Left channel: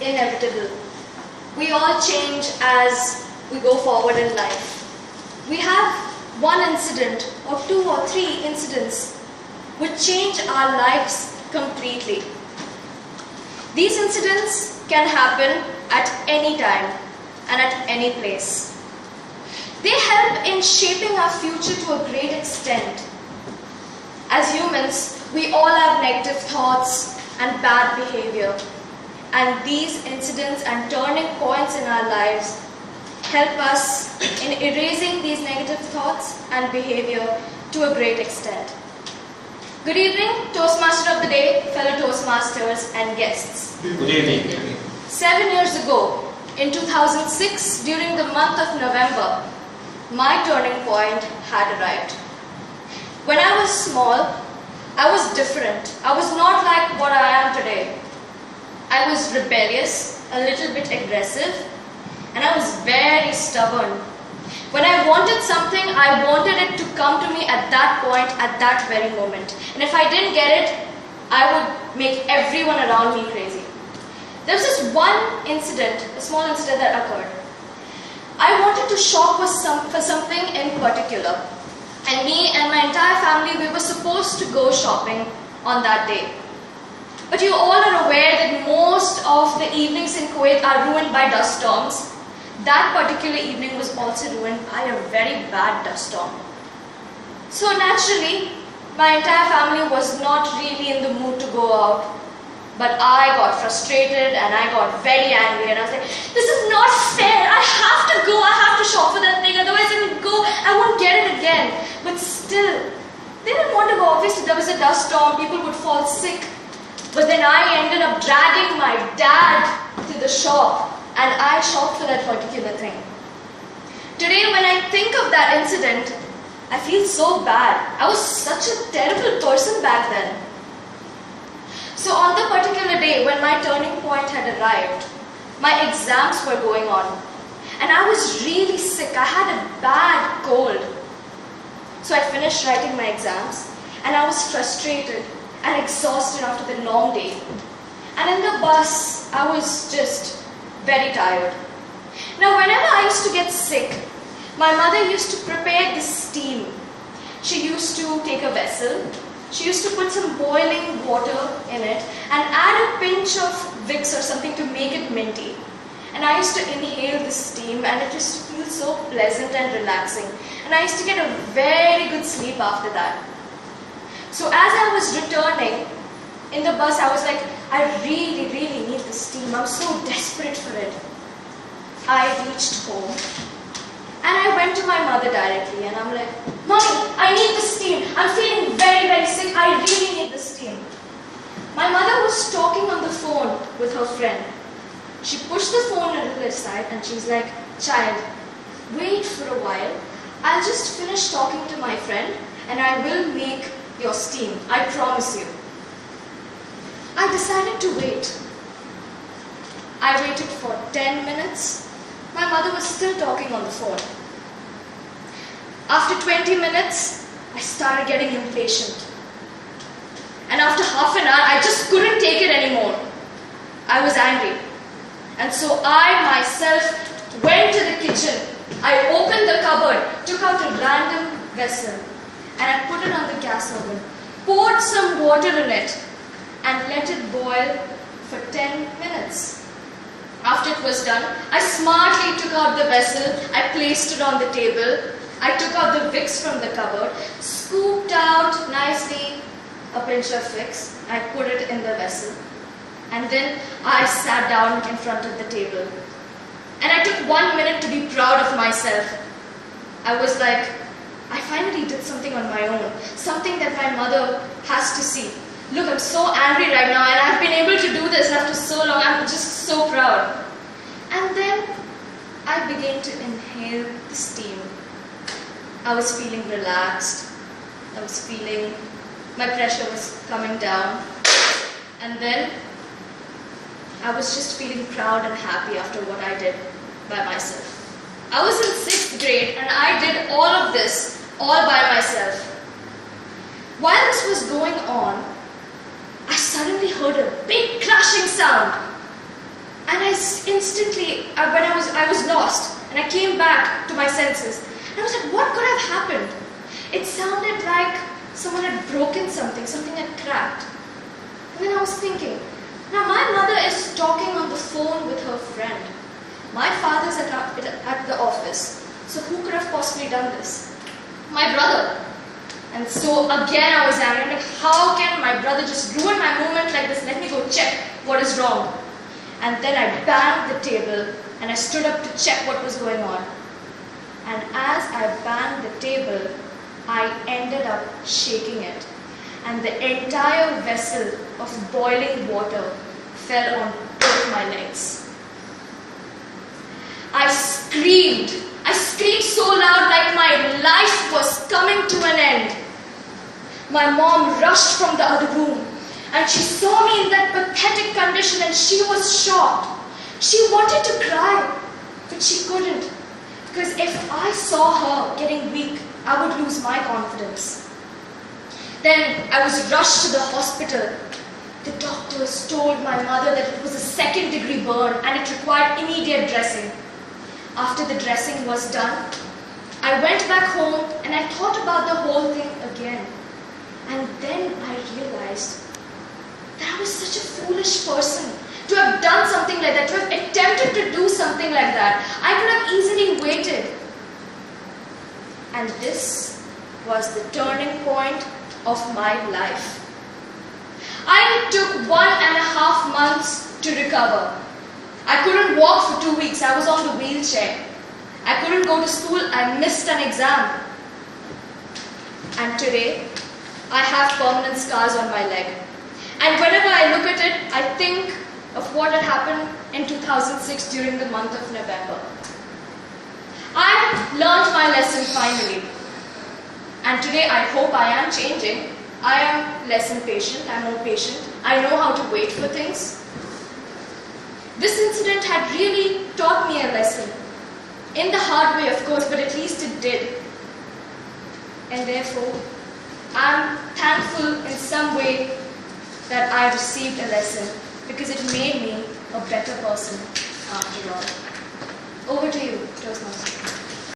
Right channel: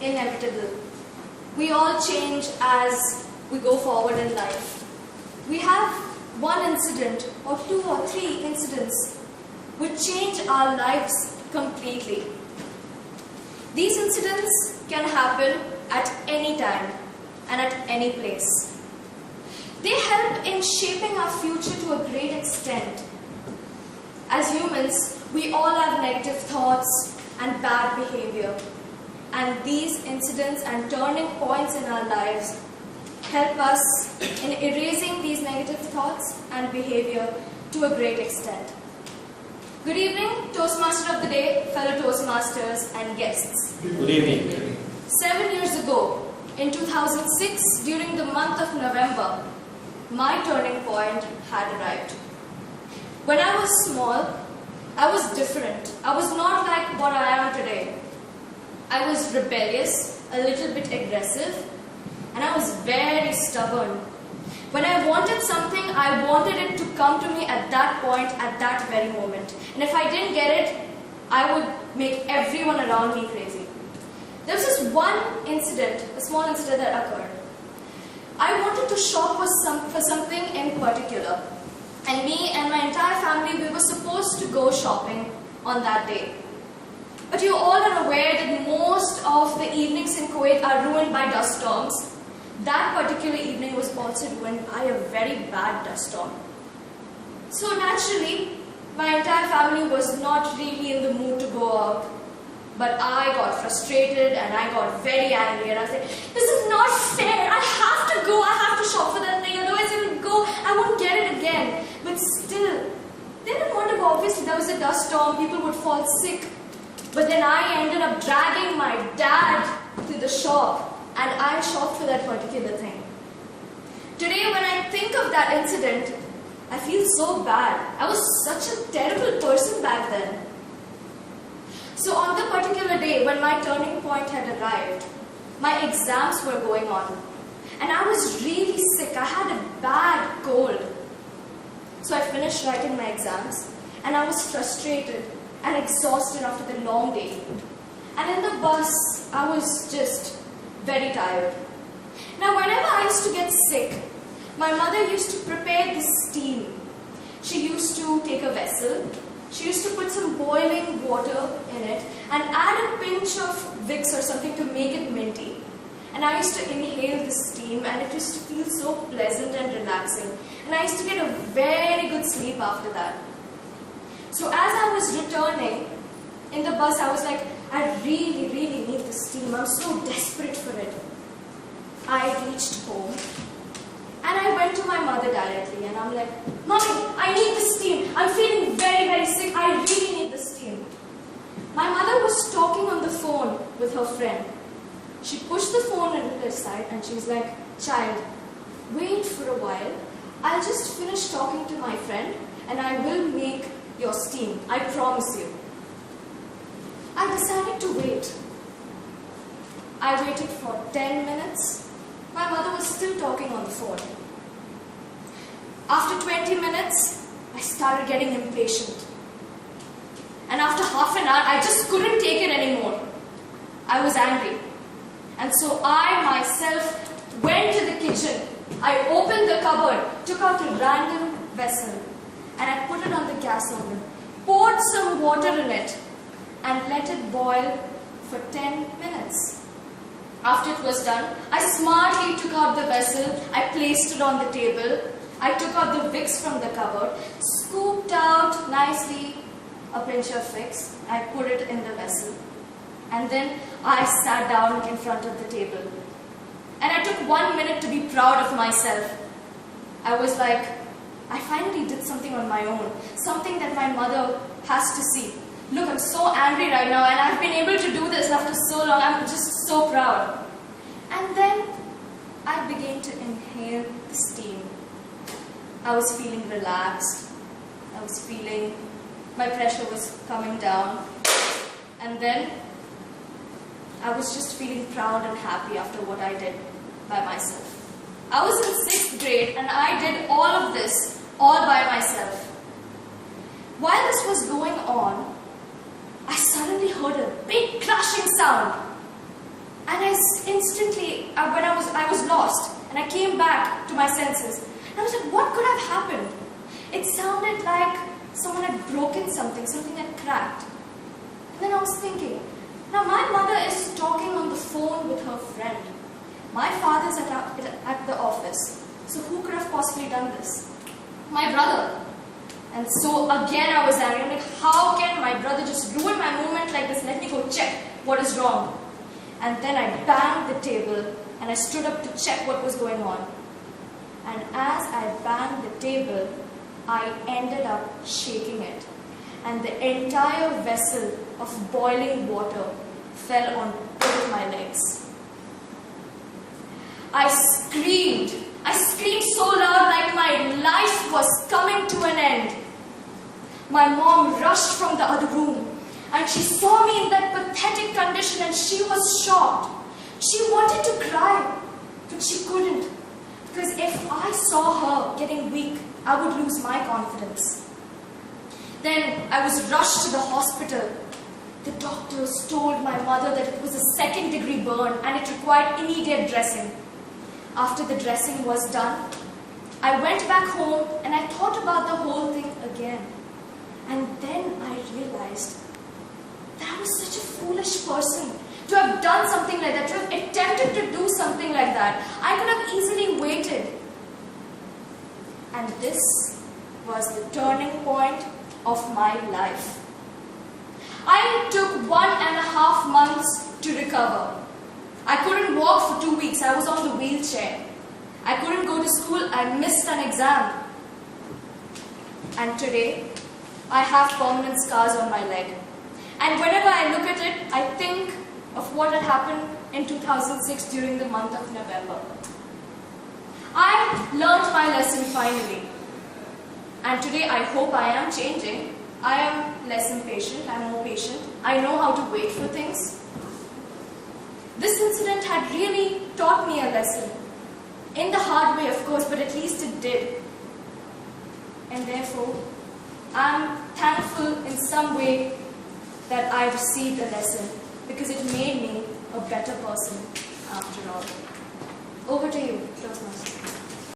inevitable. We all change as we go forward in life. We have one incident or two or three incidents which change our lives completely. These incidents can happen at any time and at any place. They help in shaping our future to a great extent. As humans, we all have negative thoughts and bad behavior. And these incidents and turning points in our lives help us in erasing these negative thoughts and behavior to a great extent. Good evening, Toastmaster of the Day, fellow Toastmasters and guests. Good evening. 7 years ago, in 2006, during the month of November, my turning point had arrived. When I was small, I was different. I was not like what I am today. I was rebellious, a little bit aggressive, and I was very stubborn. When I wanted something, I wanted it to come to me at that point, at that very moment. And if I didn't get it, I would make everyone around me crazy. There was this one incident, a small incident that occurred. I wanted to shop for something in particular. And me and my entire family, we were supposed to go shopping on that day. But you all are aware that most of the evenings in Kuwait are ruined by dust storms. That particular evening was also ruined by a very bad dust storm. So naturally, my entire family was not really in the mood to go out. But I got frustrated and I got very angry and I was like, this is not fair, I have to go, I have to shop for that thing, otherwise I will go, I won't get it again. But still, they didn't want to go. Obviously there was a dust storm, people would fall sick. But then I ended up dragging my dad to the shop and I shopped for that particular thing. Today when I think of that incident, I feel so bad. I was such a terrible person back then. So on the particular day when my turning point had arrived, my exams were going on and I was really sick. I had a bad cold. So I finished writing my exams and I was frustrated and exhausted after the long day. And in the bus, I was just very tired. Now whenever I used to get sick, my mother used to prepare this steam. She used to take a vessel. She used to put some boiling water in it and add a pinch of Vicks or something to make it minty. And I used to inhale the steam and it used to feel so pleasant and relaxing. And I used to get a very good sleep after that. So as I was returning in the bus, I was like, I really need the steam. I'm so desperate for it. I reached home and I went to my mother directly and I'm like, Mommy, I need the steam. I'm feeling very sick. I really need the steam. My mother was talking on the phone with her friend. She pushed the phone a little aside and she was like, child, wait for a while. I'll just finish talking to my friend and I will make your steam. I promise you. I decided to wait. I waited for 10 minutes. My mother was still talking on the phone. After 20 minutes, I started getting impatient. And after half an hour, I just couldn't take it anymore. I was angry. And so I myself went to the kitchen. I opened the cupboard, took out a random vessel, and I put it on the gas oven, poured some water in it, and let it boil for 10 minutes. After it was done, I smartly took out the vessel, I placed it on the table, I took out the Vicks from the cupboard, scooped out nicely a pinch of Vicks, I put it in the vessel, and then I sat down in front of the table. And I took 1 minute to be proud of myself. I was like, I finally did something on my own, something that my mother has to see. Look, I'm so angry right now and I've been able to do this after so long. I'm just so proud. And then I began to inhale the steam. I was feeling relaxed. I was feeling my pressure was coming down. And then I was just feeling proud and happy after what I did by myself. I was in 6th grade and I did all of this all by myself. While this was going on, I suddenly heard a big crashing sound. when I was lost, and I came back to my senses. And I was like, what could have happened? It sounded like someone had broken something had cracked. And then I was thinking, now my mother is talking on the phone with her friend. My father's at the office. So who could have possibly done this? My brother. And so again I was angry. I'm like, how can my brother just ruin my moment like this? Let me go check what is wrong. And then I banged the table and I stood up to check what was going on. And as I banged the table, I ended up shaking it. And the entire vessel of boiling water fell on both my legs. I screamed so loud like my life was coming to an end. My mom rushed from the other room and she saw me in that pathetic condition and she was shocked. She wanted to cry, but she couldn't, because if I saw her getting weak, I would lose my confidence. Then I was rushed to the hospital. The doctors told my mother that it was a second-degree burn and it required immediate dressing. After the dressing was done, I went back home and I thought about the whole thing again. And then I realized that I was such a foolish person to have done something like that, to have attempted to do something like that. I could have easily waited. And this was the turning point of my life. I took 1.5 months to recover. I couldn't walk for 2 weeks. I was on the wheelchair. I couldn't go to school. I missed an exam. And today, I have permanent scars on my leg. And whenever I look at it, I think of what had happened in 2006 during the month of November. I learned my lesson finally. And today I hope I am changing. I am less impatient, I am more patient. I know how to wait for things. This incident had really taught me a lesson. In the hard way, of course, but at least it did. And therefore, I am thankful in some way that I received a lesson, because it made me a better person after all. Over to you, Toastmasters.